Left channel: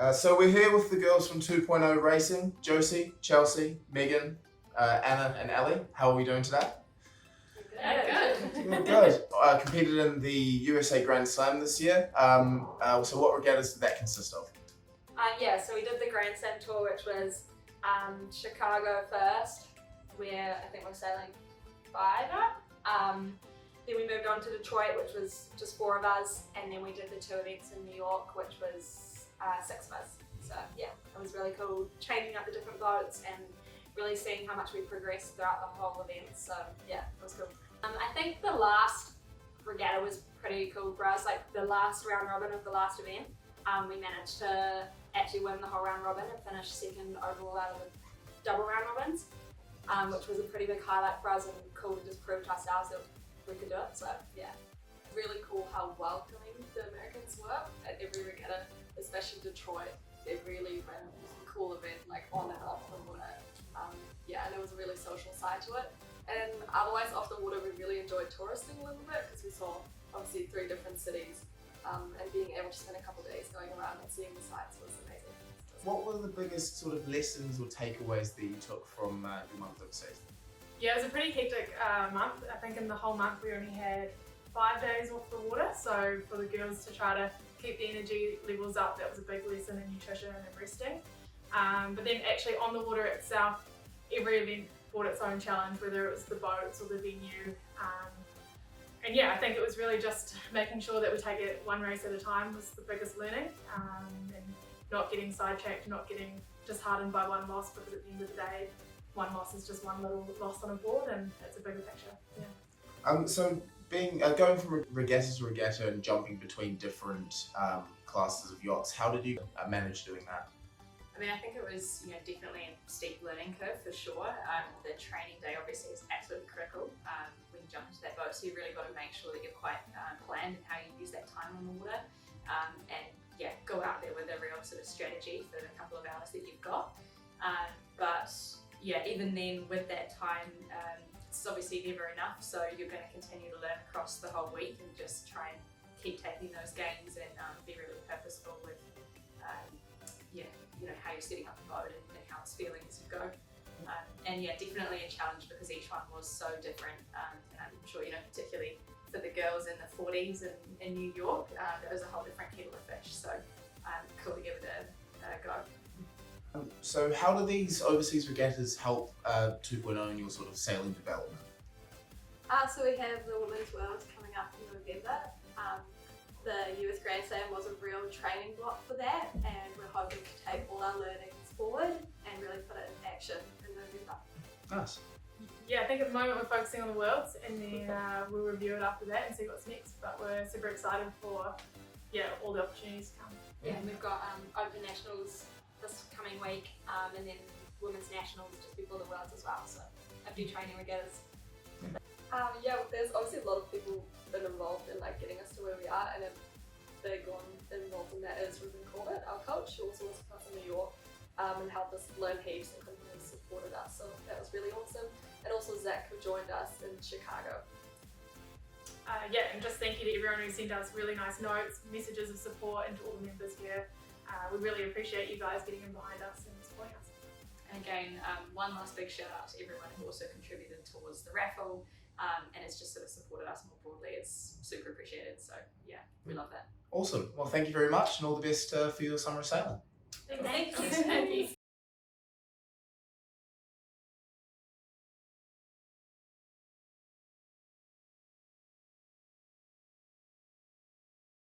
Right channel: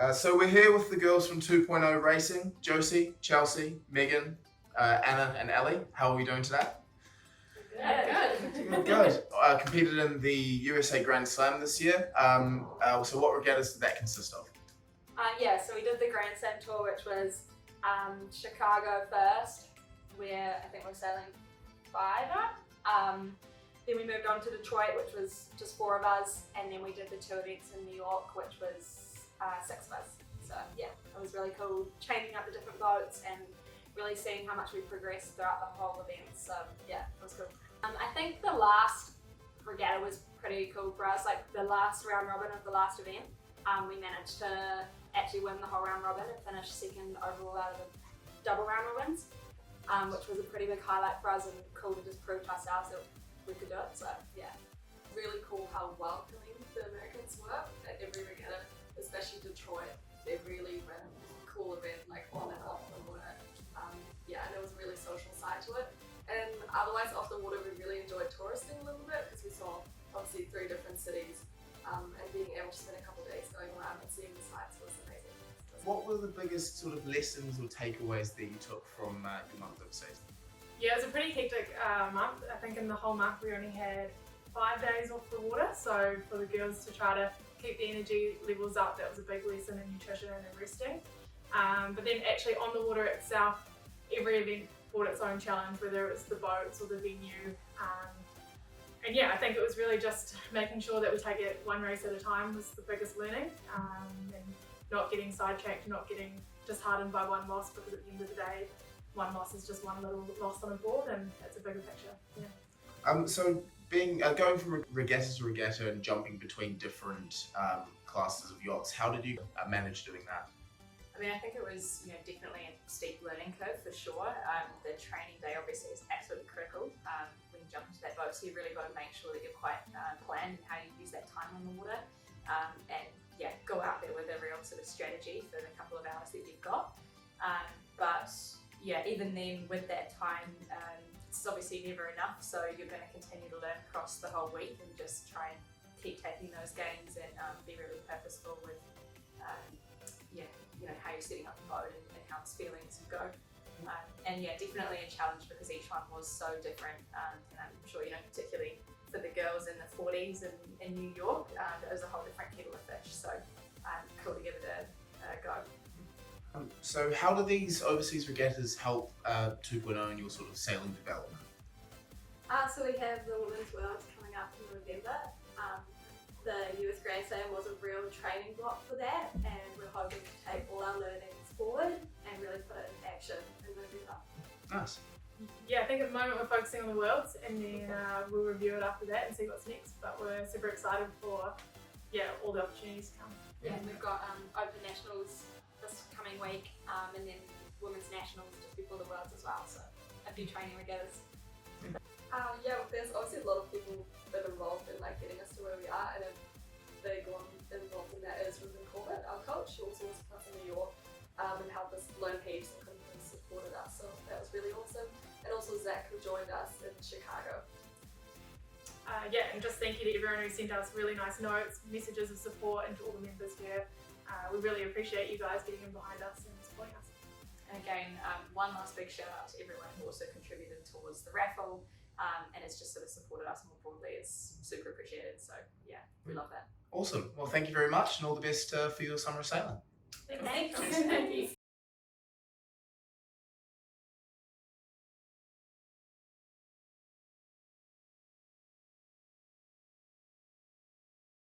So we're here with the girls from 2.0 Racing, Josie, Chelsea, Megan, Anna and Ellie. How are we doing today? Good. Competed in the USA Grand Slam this year. So what regattas did that consist of? So we did the Grand Slam tour, which was Chicago first, where I think we're sailing 5 up. Then we moved on to Detroit, which was just 4 of us, and then we did the 2 events in New York, which was 6 of us. So yeah, it was really cool changing up the different boats and really seeing how much we progressed throughout the whole event. So yeah, it was cool. I think the last regatta was pretty cool for us, like the last round robin of the last event. We managed to actually win the whole round robin and finish 2nd overall out of the double round robins, which was a pretty big highlight for us and cool to just prove to ourselves that we could do it. So yeah. Really cool how welcoming the Americans were at every regatta, especially Detroit. They really ran a cool event, like on and off the water. And there was a really social side to it. And otherwise off the water, we really enjoyed touristing a little bit because we saw obviously 3 different cities, and being able to spend a couple of days going around and seeing the sights was amazing. What were the biggest sort of lessons or takeaways that you took from your month overseas? Yeah, it was a pretty hectic month. I think in the whole month we only had 5 days off the water, so for the girls to try to keep the energy levels up, that was a big lesson in nutrition and resting. But then actually on the water itself, every event brought its own challenge, whether it was the boats or the venue. And yeah, I think it was really just making sure that we take it one race at a time was the biggest learning, and not getting sidetracked, not getting disheartened by one loss, because at the end of the day, one loss is just one little loss on a board and it's a bigger picture. Yeah. So going from regatta to regatta and jumping between different classes of yachts, how did you manage doing that? I mean, I think it was definitely a steep learning curve for sure. The training day obviously is absolutely critical when you jump into that boat, so you really got to make sure that you're quite planned in how you use that time on the water, and yeah, go out there with a real sort of strategy for the couple of hours that you've got. But yeah, even then with that time, it's obviously never enough, so you're going to continue to learn across the whole week and just try and keep taking those gains and be really purposeful with how you're setting up the boat and how it's feeling as you go. And yeah, definitely a challenge because each one was so different, and I'm sure particularly for the girls in the 40s in New York, it was a whole different kettle of fish, so cool to give it a go. So how do these overseas regattas help 2.0 in your sort of sailing development? So we have the Women's Worlds coming up in November. The US Grand Slam was a real training block for that, and we're hoping to take all our learnings forward and really put it into action in November. Nice. Yeah, I think at the moment we're focusing on the Worlds, and then we'll review it after that and see what's next. But we're super excited for all the opportunities to come. Yeah, and we've got Open Nationals this coming week, and then Women's Nationals just before the Worlds as well. So a few training regattas. There's obviously a lot of people that are involved in getting us to where we are, and a big one involved in that is Ruben Corbett, our coach, who also was with us in New York, and helped us learn heaps and completely supported us, so that was really awesome. And also Zach, who joined us in Chicago. And just thank you to everyone who sent us really nice notes, messages of support, and to all the members here. We really appreciate you guys getting in behind us and supporting us. And again, one last big shout out to everyone who also contributed towards the raffle, and it's just sort of supported us more broadly. It's super appreciated, so yeah, we love that. Awesome. Well, thank you very much and all the best for your summer sailing. Thank you.